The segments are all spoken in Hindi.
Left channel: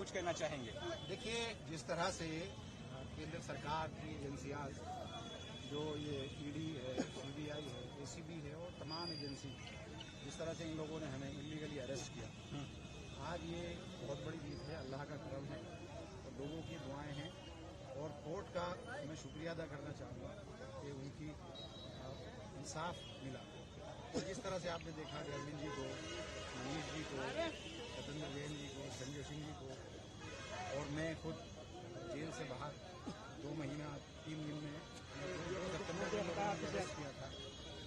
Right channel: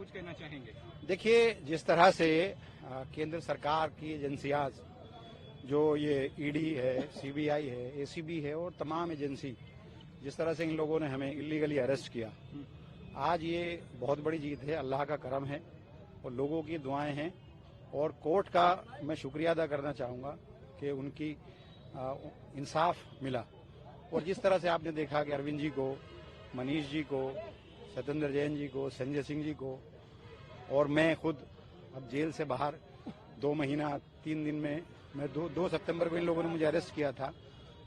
कुछ कहना चाहेंगे? देखिए, जिस तरह से केंद्र सरकार की एजेंसियां जो ये ईडी है, सीबीआई है, एसीबी है और तमाम एजेंसी जिस तरह से इन लोगों ने हमें इलीगली अरेस्ट किया, आज ये बहुत बड़ी जीत है, अल्लाह का करम है और लोगों की दुआएं हैं। और कोर्ट का मैं शुक्रिया अदा करना चाहूँगा कि उनकी इंसाफ मिला। और जिस तरह से आपने देखा कि अरविंद जी को, मनीष जी को, सत्येंद्र जैन जी को, संजय सिंह जी को और मैं खुद अब जेल से बाहर 2 महीना 3 दिन में, मैं 2 सितंबर को इन लोगों ने मुझे अरेस्ट किया था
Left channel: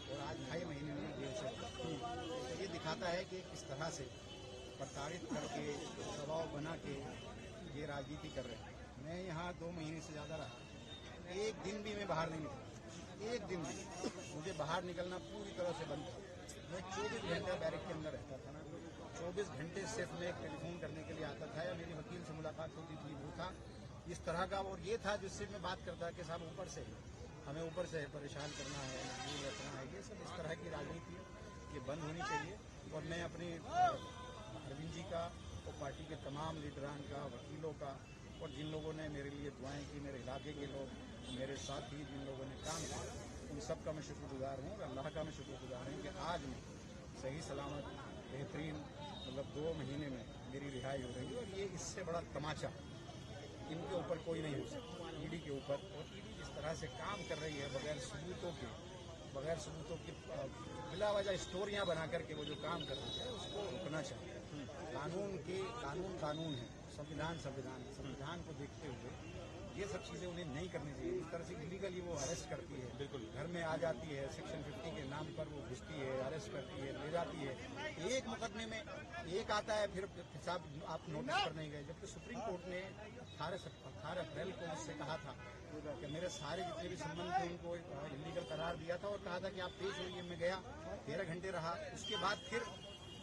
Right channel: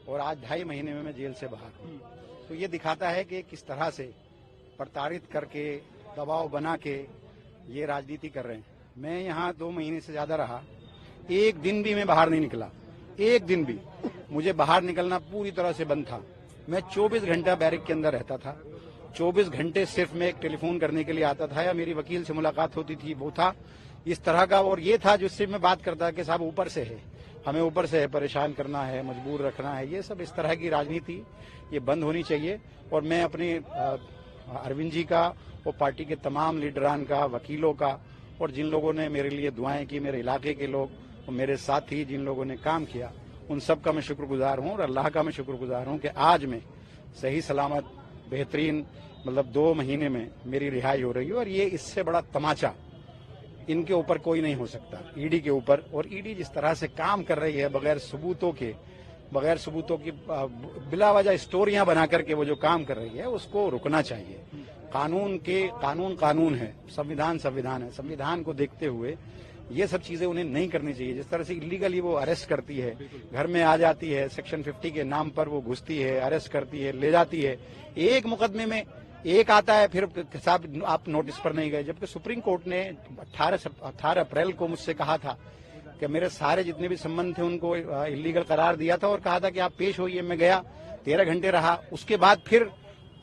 और आज 2.5 महीने में मैं जेल से बाहर। तो ये दिखाता है कि किस तरह से प्रताड़ित करके, दबाव बना के ये राजनीति कर रहे हैं। मैं यहाँ 2 महीने से ज्यादा रहा, एक दिन भी मैं बाहर नहीं निकला, एक दिन भी मुझे बाहर निकलना पूरी तरह से बंद था। मैं 24 घंटा बैरक के अंदर रहता था, 24 घंटे सिर्फ मैं एक टेलीफोन करने के लिए आता था या मेरी वकील से मुलाकात होती थी, वो था इस तरह का। और ये था जिससे मैं बात करता कि साहब ऊपर से है, हमें ऊपर से है परेशान करना है, मजबूर रखना है। ये सब इस तरह की राजनीति ये बंद होनी चाहिए। और मैं अपने अरविंद जी का और पार्टी के तमाम लीडरान का, वकीलों का और जिन लोगों ने मेरे लिए दुआएं की, मेरे इलाके के लोग और मेरे साथी जिन लोगों ने काम किया, उन सब का मैं शुक्रगुजार हूँ। और अल्लाह का मैं शुक्रगुजार हूँ कि आज मैं सही सलामत बेहतरीन, मतलब 2 महीने में मेरी रिहाई हो रही है। और ये इससे बड़ा तमाचा इनके ऊपर कोई नहीं हो सकता, ईडी के ऊपर। और ईडी जिस तरह से काम कर रही है बगैर सबूतों की बिला वजह स्टोरियां बना करके वो जो काम कर रही है, उसको रुकना चाहिए। कानून है, संविधान है। संविधान को देखते हुए ये सब चीजें उन्हें नहीं करनी चाहिए। जिस तरह से इलीगली वो अरेस्ट करती है, घर में आ जाती है, सेक्शन 50 के नाम पर वो घुसती है, अरेस्ट करती है, ले जाती है। एक मुकदमे में एक आता है, फिर साहब आप नोटिस पर नहीं गए। जबकि सुप्रीम कोर्ट ने 18 अप्रैल को मुझसे कहा था कि मेरे सारे जितने भी संबंध थे उनको इलीगल करार दिया था और कहा था कि आप पेश होइए। मैं गया, 13 घंटे रहा। उसके बाद फिर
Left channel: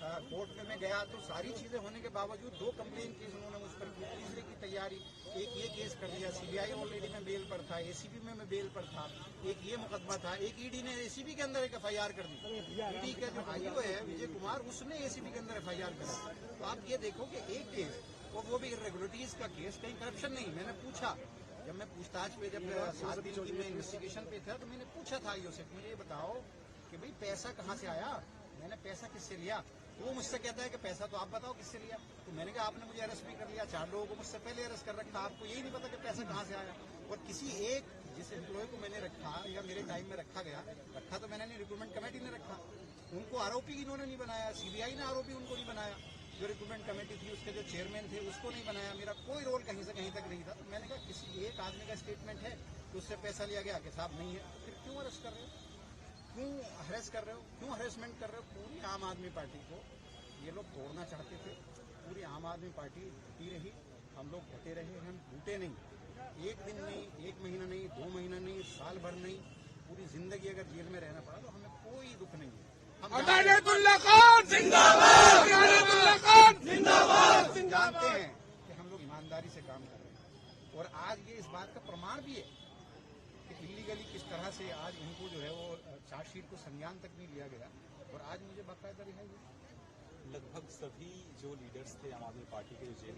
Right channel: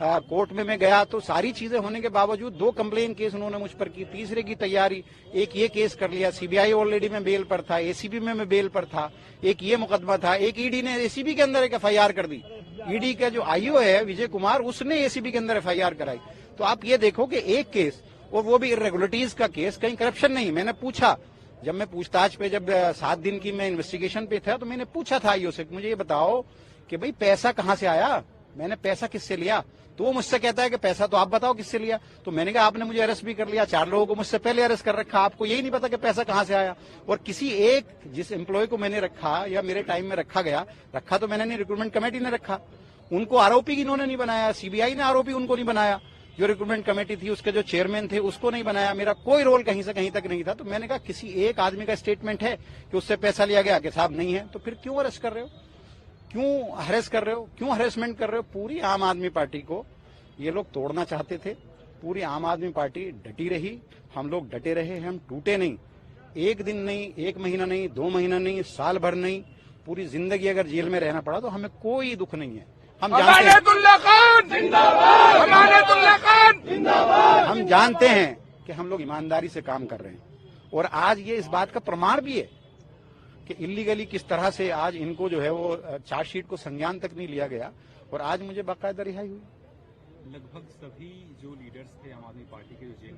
कोर्ट में मैं गया तो सारी चीजें होने के बावजूद 2 कंप्लेन केस उन्होंने मुझ पर की, तीसरे की तैयारी, एक ये केस कर लिया। सीबीआई ऑलरेडी में बेल पर था, एसीबी में मैं बेल पर था, एक ये मुकदमा था, एक ईडी ने एसीबी के अंदर एक एफआईआर कर दी। ईडी का जो आईओ है विजय कुमार, उसने एसीबी के अंदर एफआईआर कराई। तो आप ये देखो कि एक केस, और वो भी इरेगुलरिटीज का केस, कहीं करप्शन नहीं। मैंने पूछा, जब मैं पूछताछ पे, जब 7 दिन की मैं इन्वेस्टिगेशन पे था, तो मैंने पूछा था आईओ से, मुझे ये बताओ कि भाई पैसा कहाँ से आया, मैंने पैसा किससे लिया। तो वो मुझसे कहता है कि पैसा तो आप बताओ किससे लिया। तो मैंने कहा आपने मुझे अरेस्ट भी कर लिया, 4 लोगों को मुझसे पहले अरेस्ट कर रखा, आपको यही नहीं पता कि पैसा कहाँ से आया। और किसी एक जिस एम्प्लॉय को मैंने रखा या मेरे टाइम में रखा तो मैंने नहीं, रिक्रूटमेंट कमेटी ने रखा, उनको आरोपी इन्होंने नहीं बनाया, सीबीआई ने आरोपी उनको नहीं बनाया, जो रिक्रूटमेंट कमेटी थी उसके जो चेयरमैन थे उसको नहीं बनाया, मेरा कोई रोल कहीं से कहीं तक नहीं था। तो मैंने कहा किसी एक आदमी का स्टेटमेंट है कि उससे पैसा लिया गया, कि साहब नहीं है, तो फिर क्यों अरेस्ट कर रहे हो, क्यों हरेस कर रहे हो, क्यों हरेसमेंट कर रहे हो। पूरी आम आदमी पार्टी को ये लोग तोड़ना चाहते थे, पूरी आम आदमी पार्टी डटी रही, हम लोग डटे रहे, हम टूटे नहीं। एक दिन नहीं, 1 महीना नहीं, 2 महीना नहीं, साल भर नहीं, पूरी जिंदगी अगर जेल में रहना पड़ा तो हमें कोई दुख नहीं है। हम जानते हैं कि हम लोग ईमानदारी से काम कर रहे हैं। और आज ये इस बात का प्रमाण भी है कि इलीगली किस तरह से आज इनको जो है वो चार्जशीट को संज्ञान तक नहीं लिया गया और आज मुझे बाकायदा रिहाई हुई। लगभग सभी जो लीडर्स थे आम आदमी पार्टी के जो जेल